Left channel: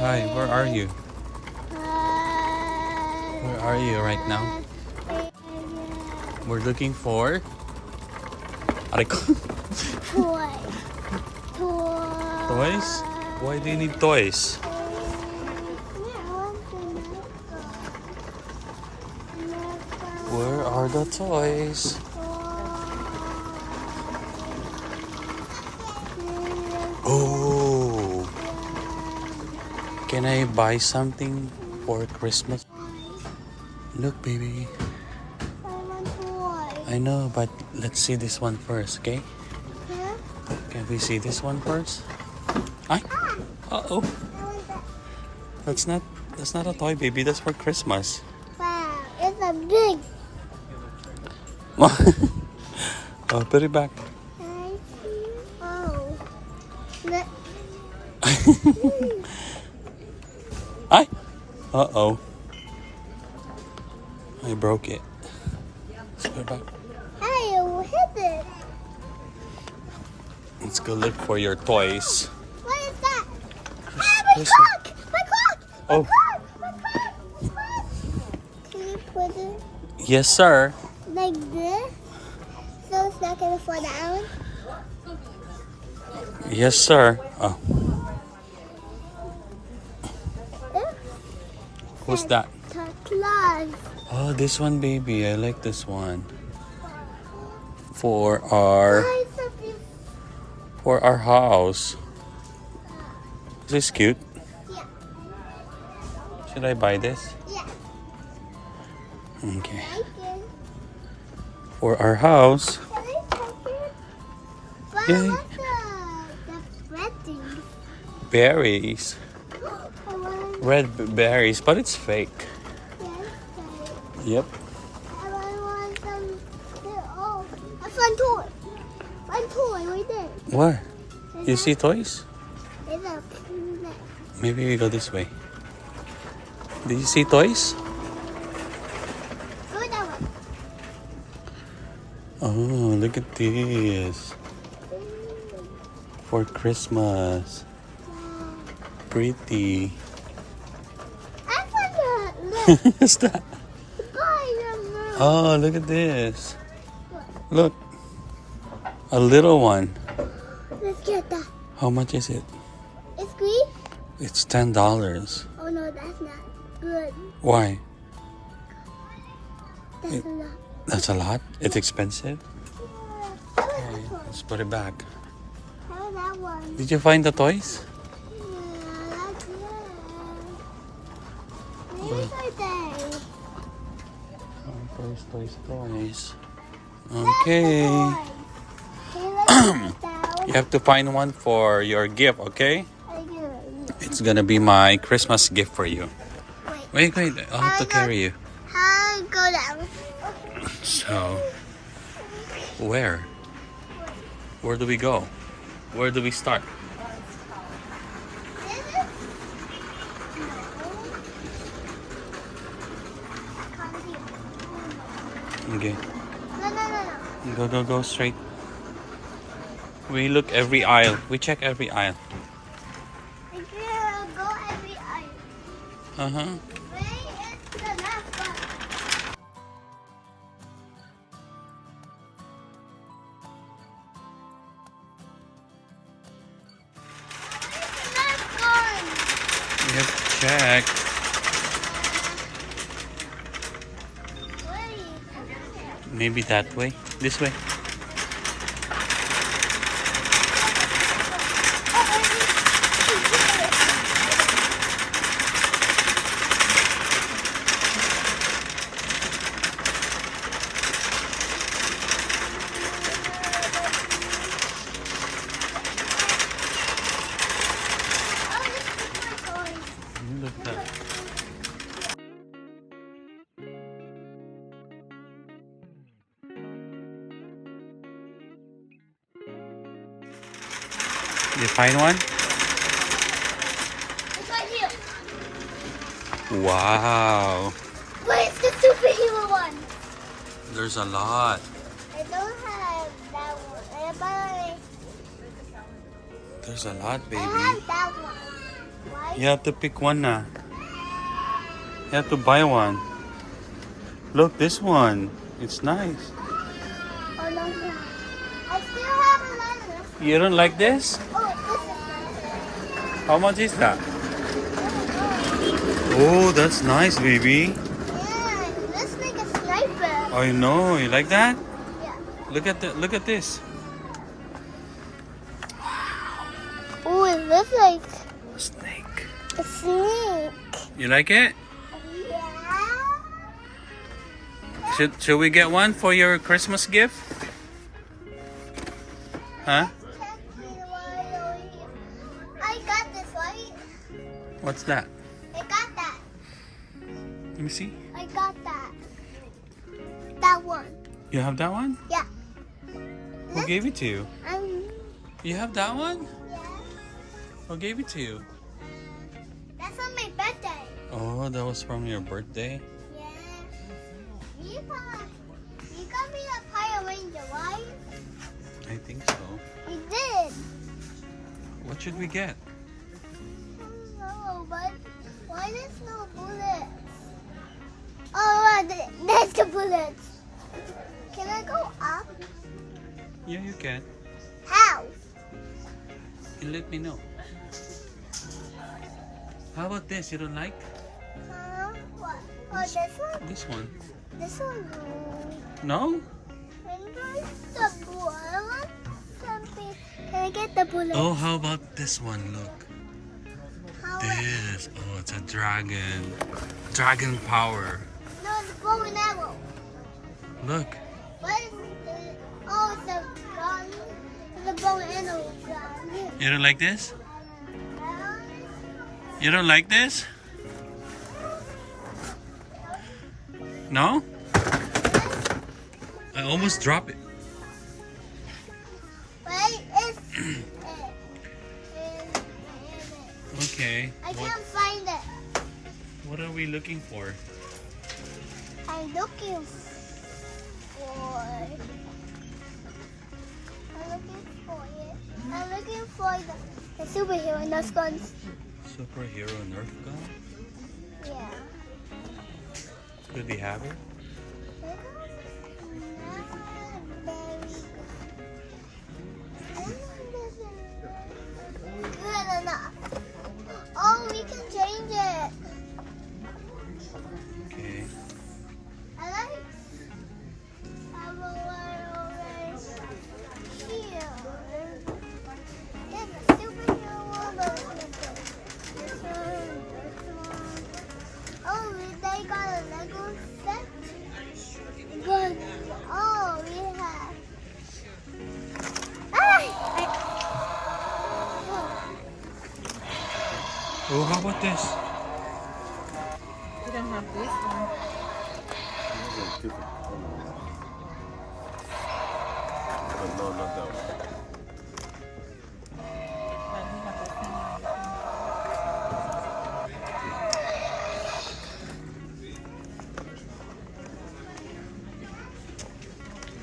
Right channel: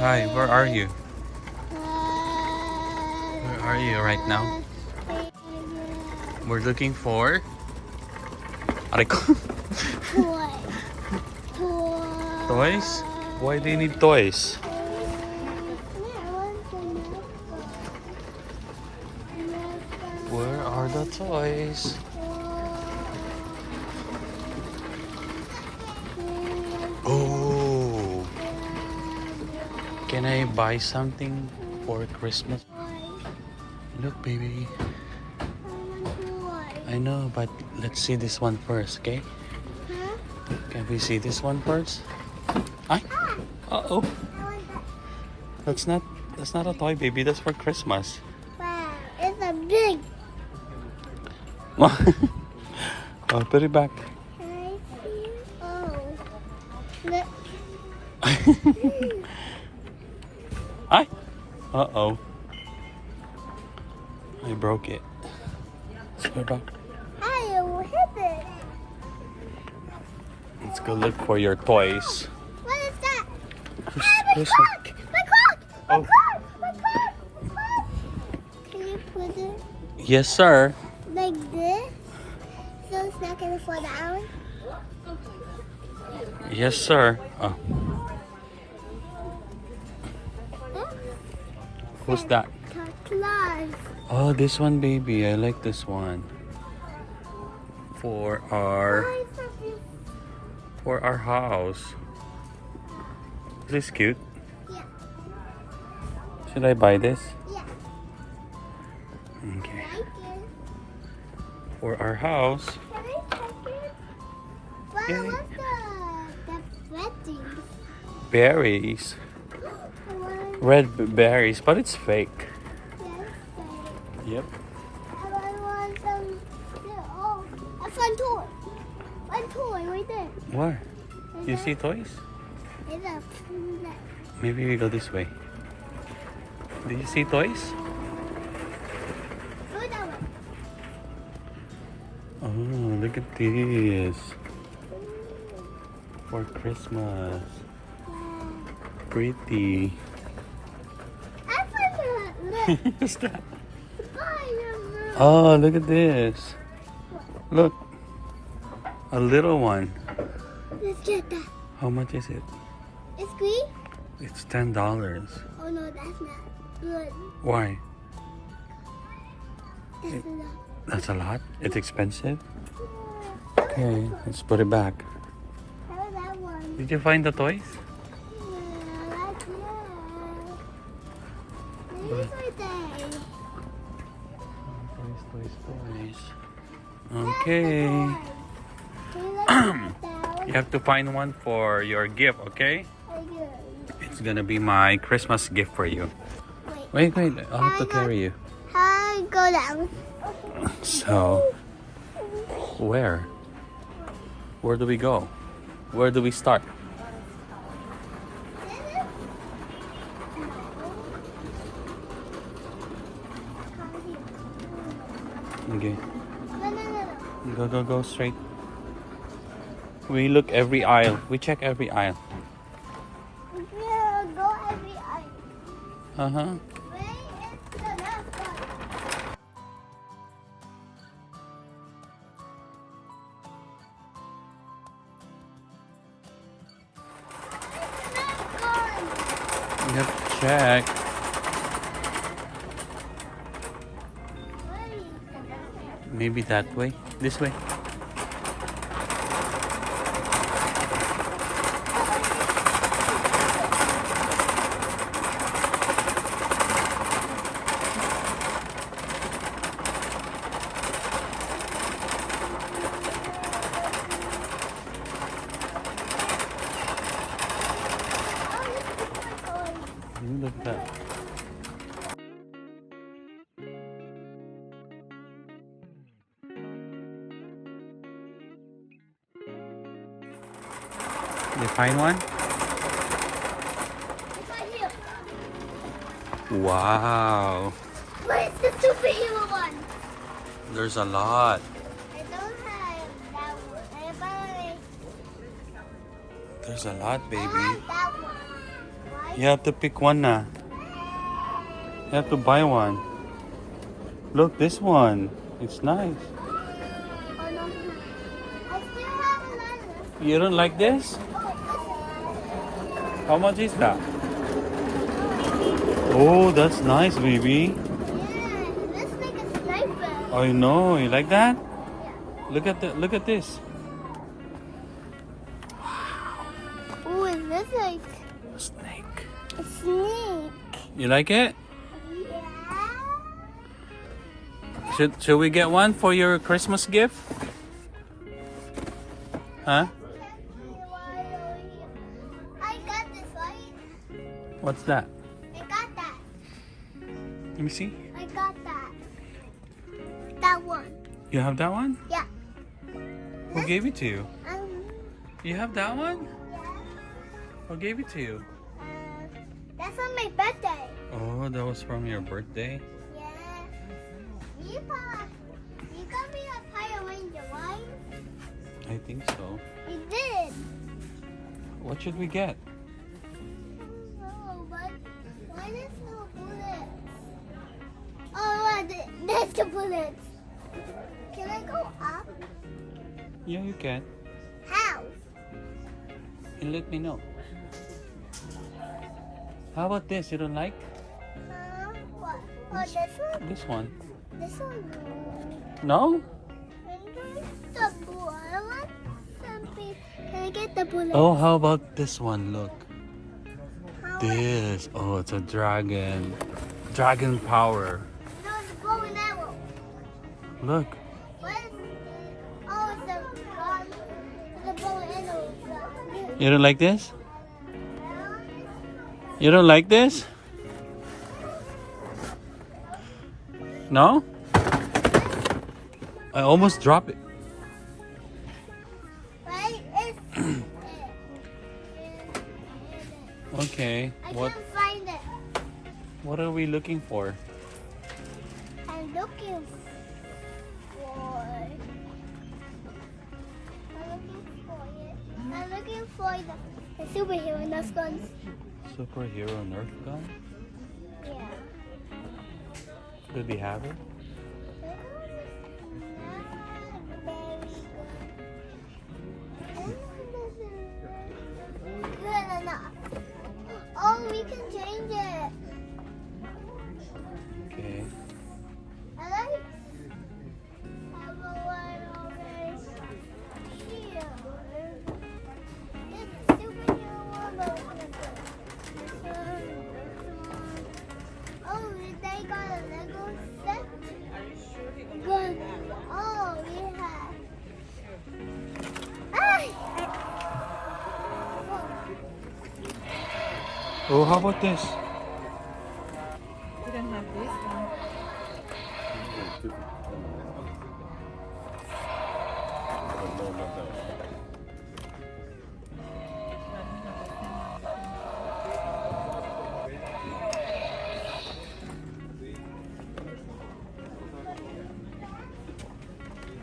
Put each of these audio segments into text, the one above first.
Hi, where are you? Where are you right now? We're looking for... Aray ko. Toys? Why do you need toys? Where are the toys? Oh, can I buy something for Christmas? Look, baby. I know, but let's see this one first, okay? Can we see this one first? Ay. Uh-oh. That's not a toy, baby. That's for Christmas. Wow, it's a big. Oh, put it back. Oh. Look. Ay. Uh-oh. I broke it. Let's put it back. I hit it. Let's go look for your toys. What is that? Christmas. My clock! Oh. My clock! Can you put it Yes, sir. like this? So it's not gonna fall down? Yes, sir. Oh. Who's that? The clock. Oh, this one, baby. I like this one. For our house. Is this cute? Yeah. Should I buy this? Yeah. Okay. Thank you. For our house. Can I take it? But Yay. what's the red thing? Berries. I wanna Red berries, but it's fake. Yep. I want some. Oh, a fun toy. Fun toy right there. Where? You see toys? There's a peanut. Maybe we go this way. Do you see toys? Go that way. Oh, look at this. For Christmas. Pretty. I found look. What's that? Spider-Man. Oh, look at this. Look. A little one. Let's get that. How much is it? It's green? It's $10. Oh no, that's not good. Why? That's a lot. That's a lot. It's expensive. Okay, let's put it back. How about that one? Did you find the toys? Yeah, that's good. These are they. Toys. Okay. You have to find one for your gift, okay? It's gonna be my Christmas gift for you. Wait, I'll have to carry you. How go down? So, where? Where do we go? Where do we start? Okay, No. go straight. We look every aisle. We check every aisle. Go every aisle. Uh-huh. Where is the last one? We have to check. Maybe that way. This way. You look at that. You find one? It's right here. Wow. Where's the superhero one? There's a lot. I don't have that one. There's a lot, I baby. have that one. I You have to pick one now. You have to buy one. Look, this one. It's nice. Oh, no, no. I still have another. You don't like this? Oh, this How much is that? Oh, that's nice, baby. is. Yeah, that's like a sniper. I know. You like that? Yeah. Look at this. Oh, it looks like A snake. a snake. You like it? Yeah. Should we get one for your Christmas gift? Huh? I got this, right? What's that? I got that. Let me see. I got that. That one. You have that one? Yeah. Who gave it to you? Um, You have that one? Who gave it to you? that's on my birthday. Oh, that was from your birthday? Yeah. You got me a Power Ranger, right? I think so. You did. What should we get? No, but why there's no bullets? Oh, there's the bullets. Can I go up? Yeah, you can. How? You let me know. How about this? You don't like? What? Oh, this one? This one? This one? No? The bullet. Can I get the bullet? Oh, how about this one? Look. How This. Oh, it's a dragon. Dragon power. No, it's a bow and arrow. Look. What is it? Oh, it's a bow and arrow. You don't like this? You don't like this? No? I almost dropped it. But it's... Okay. I What can't find it. What are we looking for? I'm looking for... I'm looking for the superhero Nerf guns. Superhero Nerf gun? Yeah. Did he have it? Good enough. Oh, we can change it. Okay. I like have one over here. It's a superhero one, but it's not good. This one. Oh, they got a Lego set. But oh, we have. Oh, how about this? You don't have this one.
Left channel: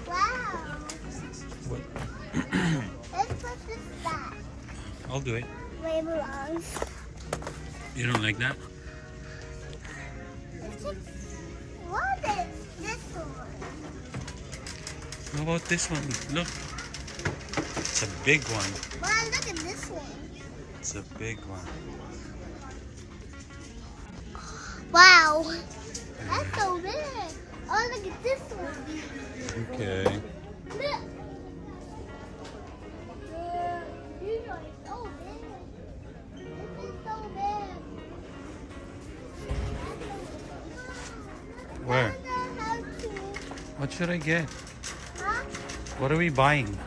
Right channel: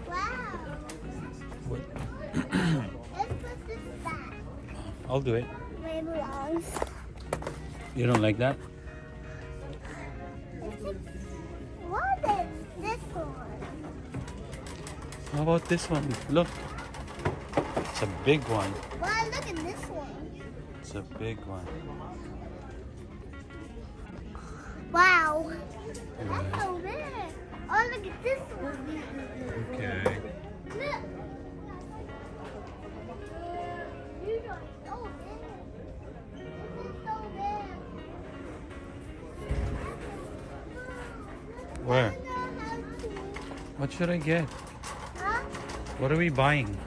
Wow. What? Let's put this back. I'll do it. Where it belongs. You don't like that? What is this one? How about this one? Look. It's a big one. Wow, look at this one. It's a big one. Wow. That's so big. Oh, look at this one. Okay. Look. You know it's so big. This is so big. Where? I don't know how to. What should I get? Huh? What are we buying?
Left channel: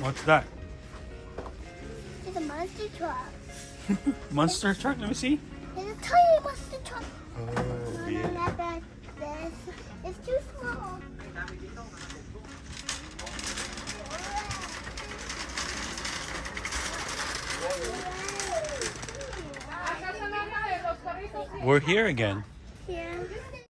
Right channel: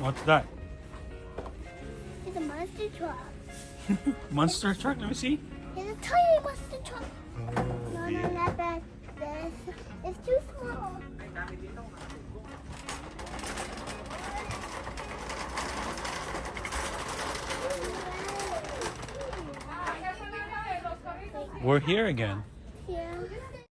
What's that? It's a monster truck. Monster truck? Let me see. It's a tiny monster truck. Oh, No, no, not that. This. It's too small. We're here again. Here.